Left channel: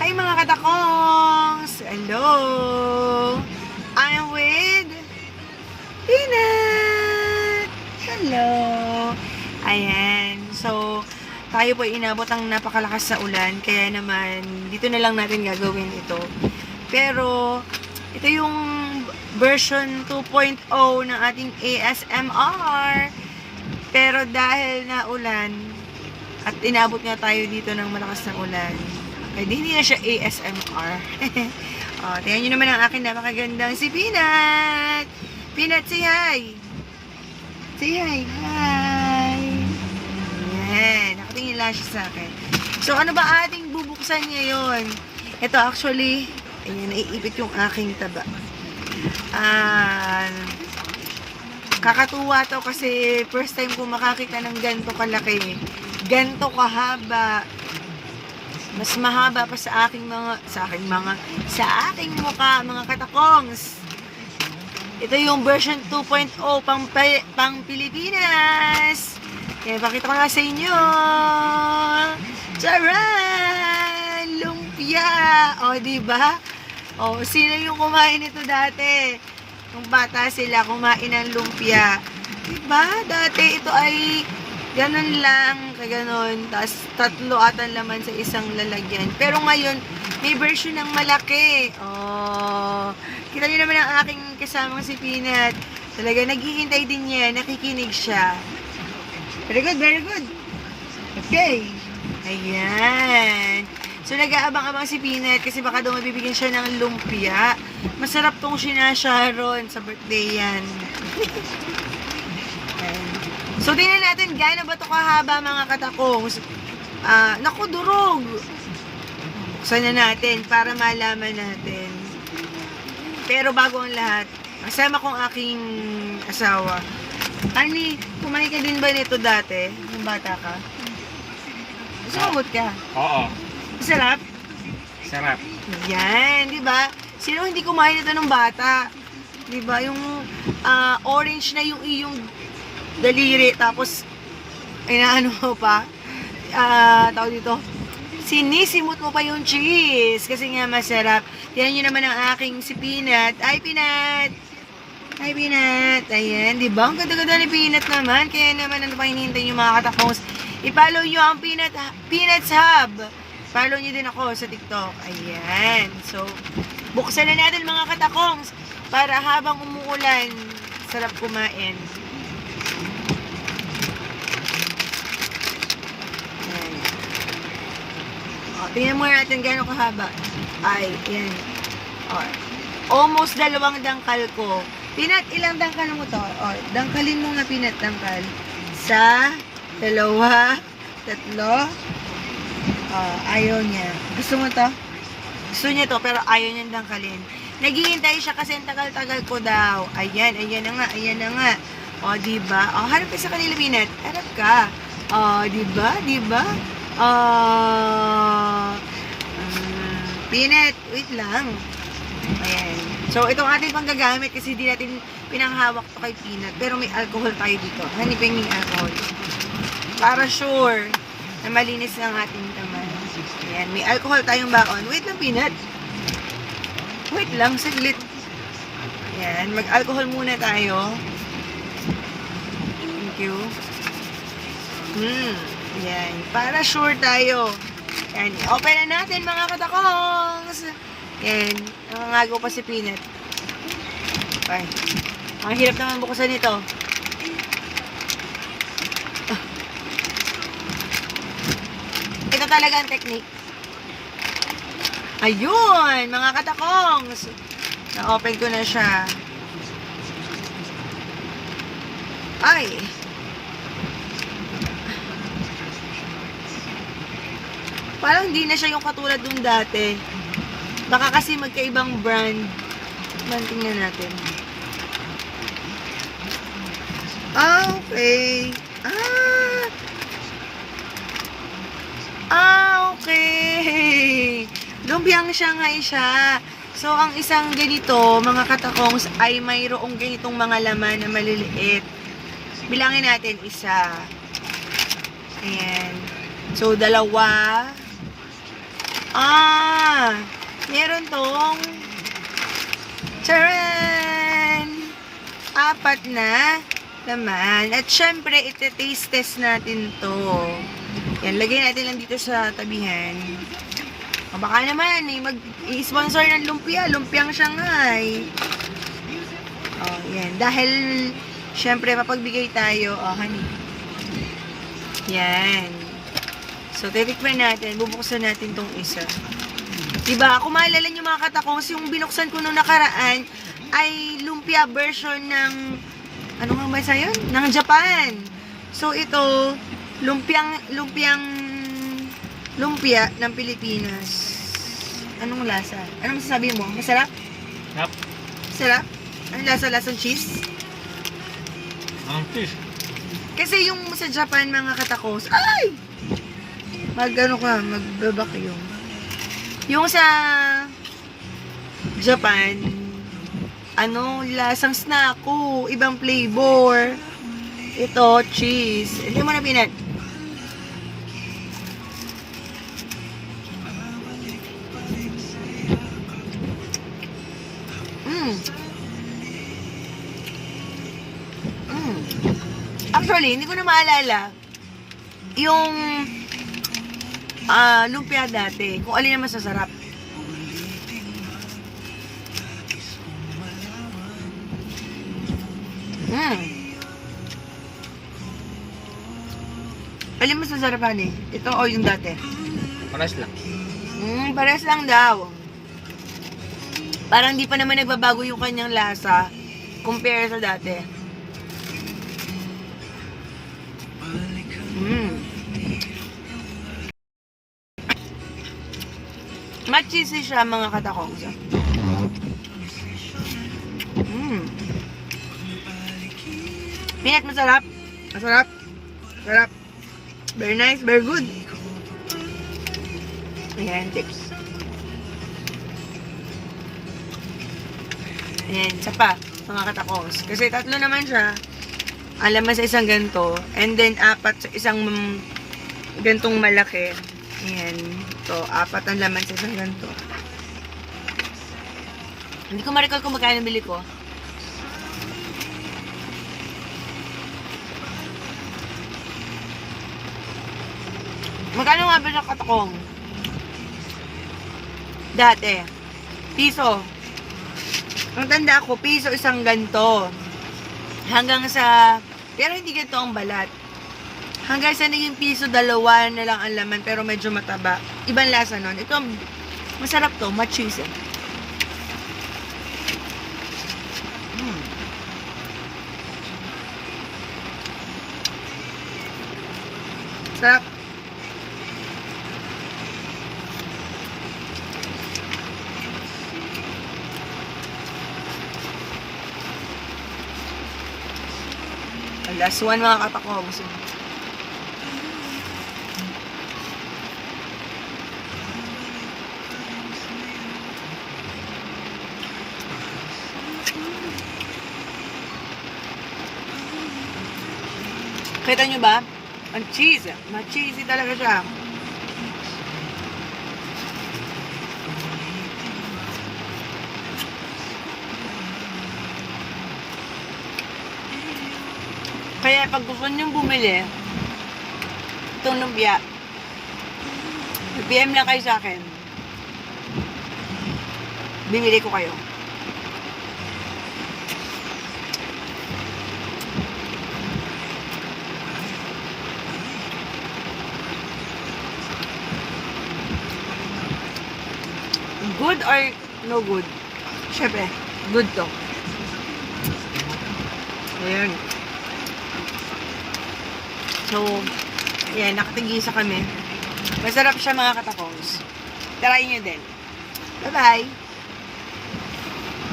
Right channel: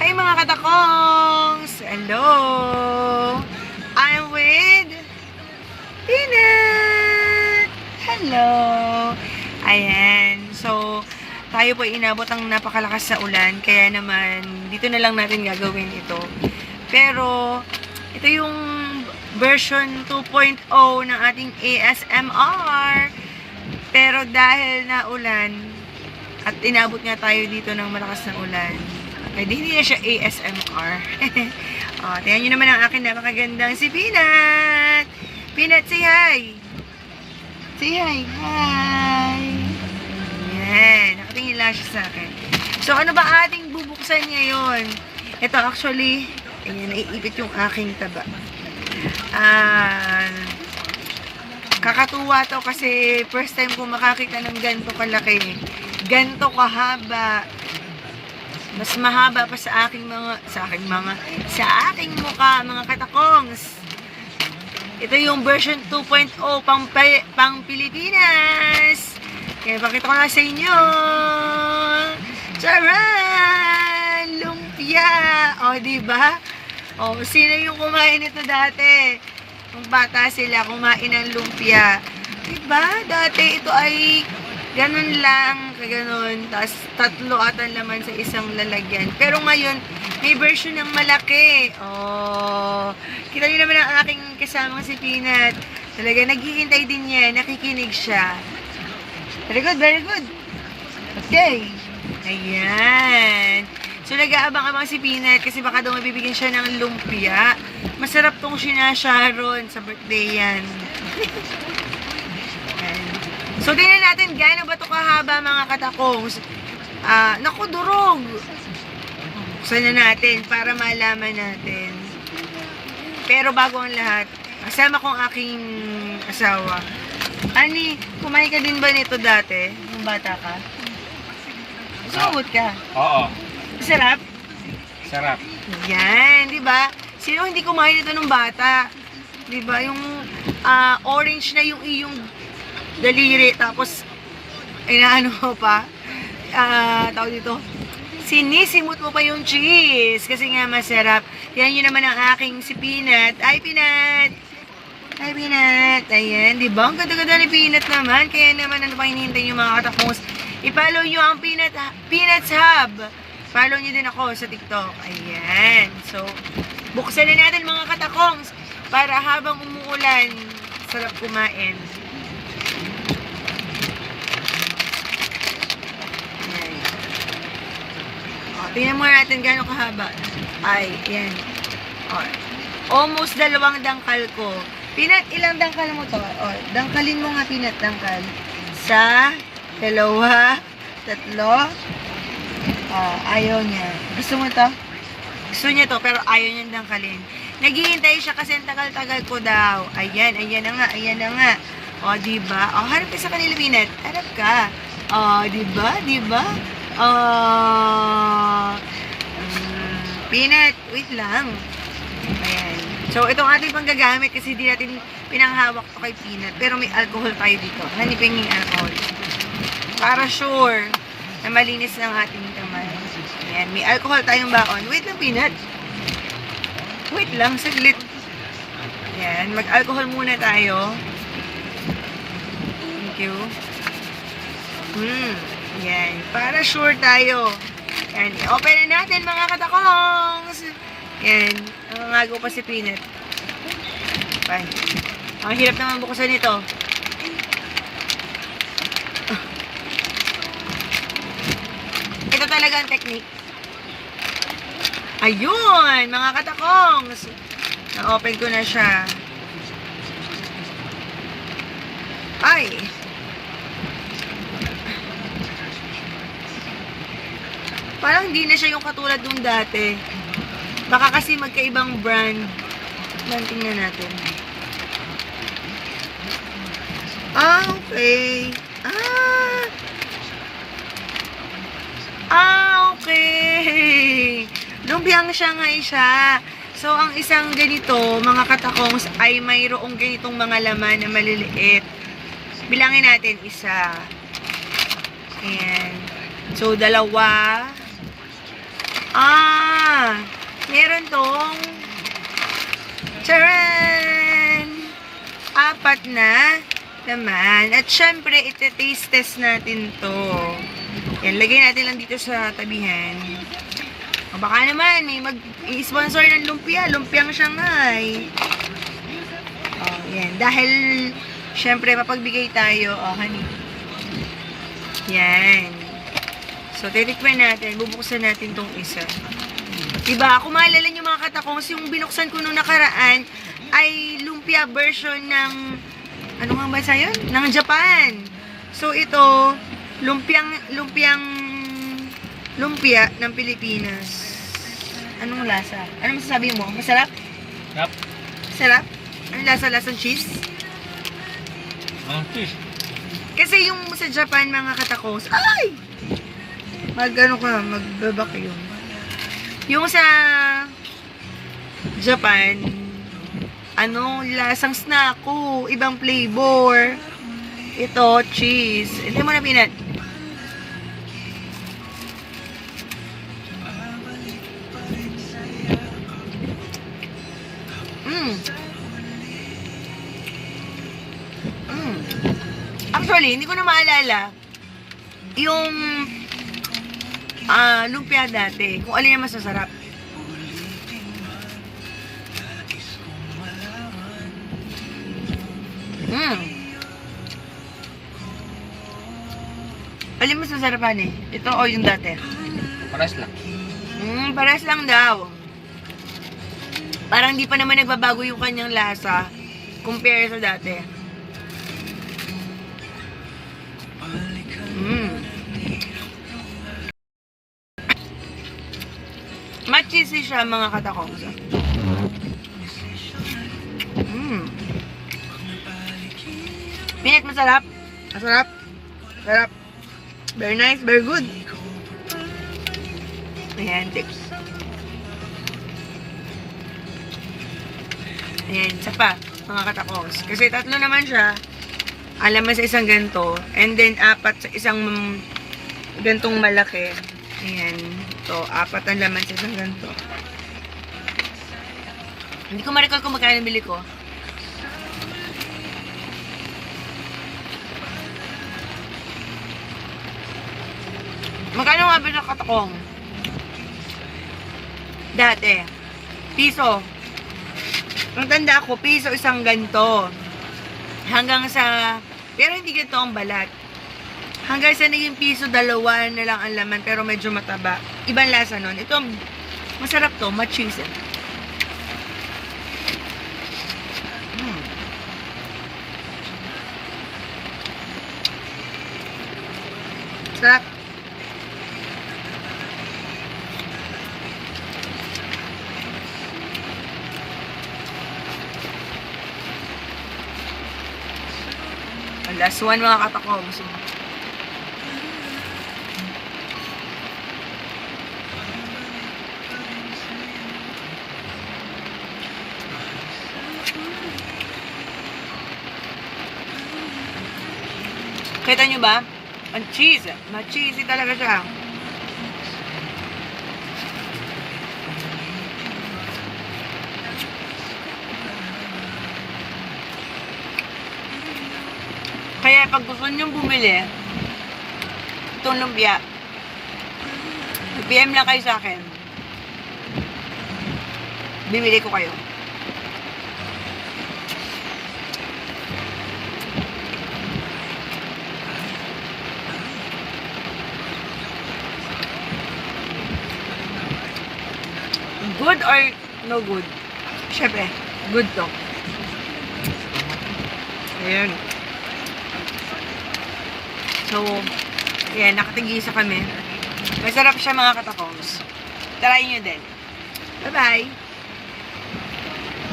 Hi mga katakongs! Hello! I'm with Peanut! Hello! Ayan. So, tayo po inabot ang napakalakas sa ulan. Kaya naman, dito na lang natin gagawin ito. Pero, ito yung version 2.0 ng ating ASMR. Pero dahil na ulan, at inabot nga tayo dito ng malakas ng ulan, kaya hindi na siya ASMR. Tingnan nyo naman ang akin napakagandang si Peanut. Peanut, say hi. Say hi. Hi. Ayan. Nakatingin lang siya sa akin. So, ano ba ating bubuksan ngayon? Ito actually, ayan, naiipit yung aking taba. Kakatuwa to kasi first time ko makakita ng ganito kalaki. Ganito kahaba. Mas mahaba pa sa aking mukha, mga katakongs. Ito yung version 2.0 pang Pilipinas. Kaya pakita ko nga sa inyo. Charan! Lumpia! O, diba? O, sino yung kumain nito dati? Kung bata sila, kumain ng lumpia. Diba? Dati ito ay ganun lang, kaganon. Tapos, 3 atan laman sa isang lalagyan. Pero ngayon, may version ng malaki. Oh, kita nyo naman ang aking kasama si Peanut. Talaga, naghihintay din niya. Nakikinig siya. Very good, very good. Okay. Ayan. So, nag-aabang-abang si Peanut kasi baka daw mabibigyan siya ng lumpia. Masarap tong sinasharon sa birthday yan. So, tingnan natin gaano ba ito kahaba mga katakongs. Naku, durog. Buksan na natin para malaman natin. Pero bago ang lahat, kasama kong aking asawa. Ani, kumain ka din ba nito dati? Nung bata ka? Sumabot ka? Oo. Sarap? Sarap. Yan, di ba? Sino hindi kumain ito nung bata? Di ba? Yung orange na yung iyong daliri, tapos inaano mo pa, tawag dito, sinisimot mo pa yung cheese kasi nga masarap. Tingnan nyo naman ang aking si Peanut. Ay, Peanut! Ay, Peanut! Ayan, di ba? Ang ganda-ganda ni Peanut naman. Kaya naman, ano pa hinihintay nyo mga katakos? I-follow nyo ang Peanut's Hub. Follow nyo din ako sa TikTok. Ayan. So, buksan na natin mga katakongs para habang umuulan, sarap kumain. Tingnan mo natin gano'ng kahaba. Ay, yan. Almost 2 dangkal ko. Peanut, ilang dangkal mo to? Dangkalin mo nga, Peanut, dangkal. Sa 2, 3. Ayaw niya. Gusto mo to? Gusto niya to, pero ayaw niyang dangkalin. Naghihintay siya kasi ang tagal-tagal ko daw. Ayan, ayan na nga, ayan na nga. O, diba? O, harap ka sa kanila, Peanut. Harap ka. O, diba? Diba? Peanut, wait lang. Ayan. So, itong ating panggagamit kasi di natin pinanghawak to kay Peanut. Pero may alcohol tayo dito. Hanipin yung alcohol. Para sure na malinis ng ating kamay. Ayan. May alcohol tayong baon. Wait lang, Peanut. Wait lang, saglit. Ayan. Mag-alcohol muna tayo. Thank you. Ayan. Para sure tayo. Ayan. I-open na natin mga katakongs. Ayan. Nangangagaw pa si Peanut. Okay. Ang hirap naman buksan ito. Ito talaga ang technique. Ayun! Mga katakongs. Na-open ko na siya. Ay! Parang hindi na siya yung katulad nung dati. Baka kasi magkaibang brand. Tingnan natin. Okay. Okay. Lumpiang Shanghai siya. So, ang isang ganito, mga katakongs, ay mayroong ganitong mga laman na maliliit. Bilangin natin isa. Ayan. So, 2. Meron tong charan! 4 na naman. At syempre, iti-taste test natin to. Yan, lagay natin lang dito sa tabihan. O baka naman, may mag-sponsor ng lumpia. Lumpiang Shanghai. O, yan. Dahil, syempre, mapagbigay tayo. O, honey. Yan. So, titikman natin. Bubuksan natin tong isa. Diba? Kung maalala nyo mga katakos, yung binuksan ko nung nakaraan ay lumpia version ng ano nga ba yun? Ng Japan. So, ito, lumpia ng Pilipinas. Anong lasa? Anong masasabi mo? Masarap? Yep. Masarap? Anong lasa? Lasang cheese? Cheese. Kasi yung sa Japan, mga katakos, ay! Magbabak yun. Yung sa Japan, lasang snacko, ibang flavor. Ito, cheese. Hindi mo na pinat. Actually, hindi ko na maalala yung lumpia dati. Kung alin ang masasarap. Alin mas nasarapan eh? Ito o yung dati? Pares lang. Pares lang daw. Parang di pa naman nagbabago yung kanyang lasa compare sa dati. Cheesy siya mga katakong. Pinat masarap. Masarap. Masarap. Very nice, very good. Ayan, tips. Ayan, isa pa, mga katakos. Kasi 3 naman siya. Alam mo sa isang ganito. And then, 4 sa isang gantong malaki. Ayan. So, 4 ang laman sa isang ganito. Hindi ko ma-recall kung magkano bili ko. Magkano nga ba sa katakong? Dati. Piso. Ang tanda ko, piso isang ganito. Hanggang sa, pero hindi ganito ang balat. Hanggang sa naging piso, 2 na lang ang laman, pero medyo mataba. Ibang lasa nun. Ito, masarap to, ma-cheese. Sarap. Last one mga katakong. Kita nyo ba? Ang cheese. Ma-cheesy talaga siya. Kaya pag gusto nyo bumili, itong lumpia, PM lang kayo sa akin. Bibili ko kayo. Good or no good? Syempre, good to. Ayan. So, ayan, nakatigisa kami. Masarap siya mga katakos. Try nyo din. Bye-bye!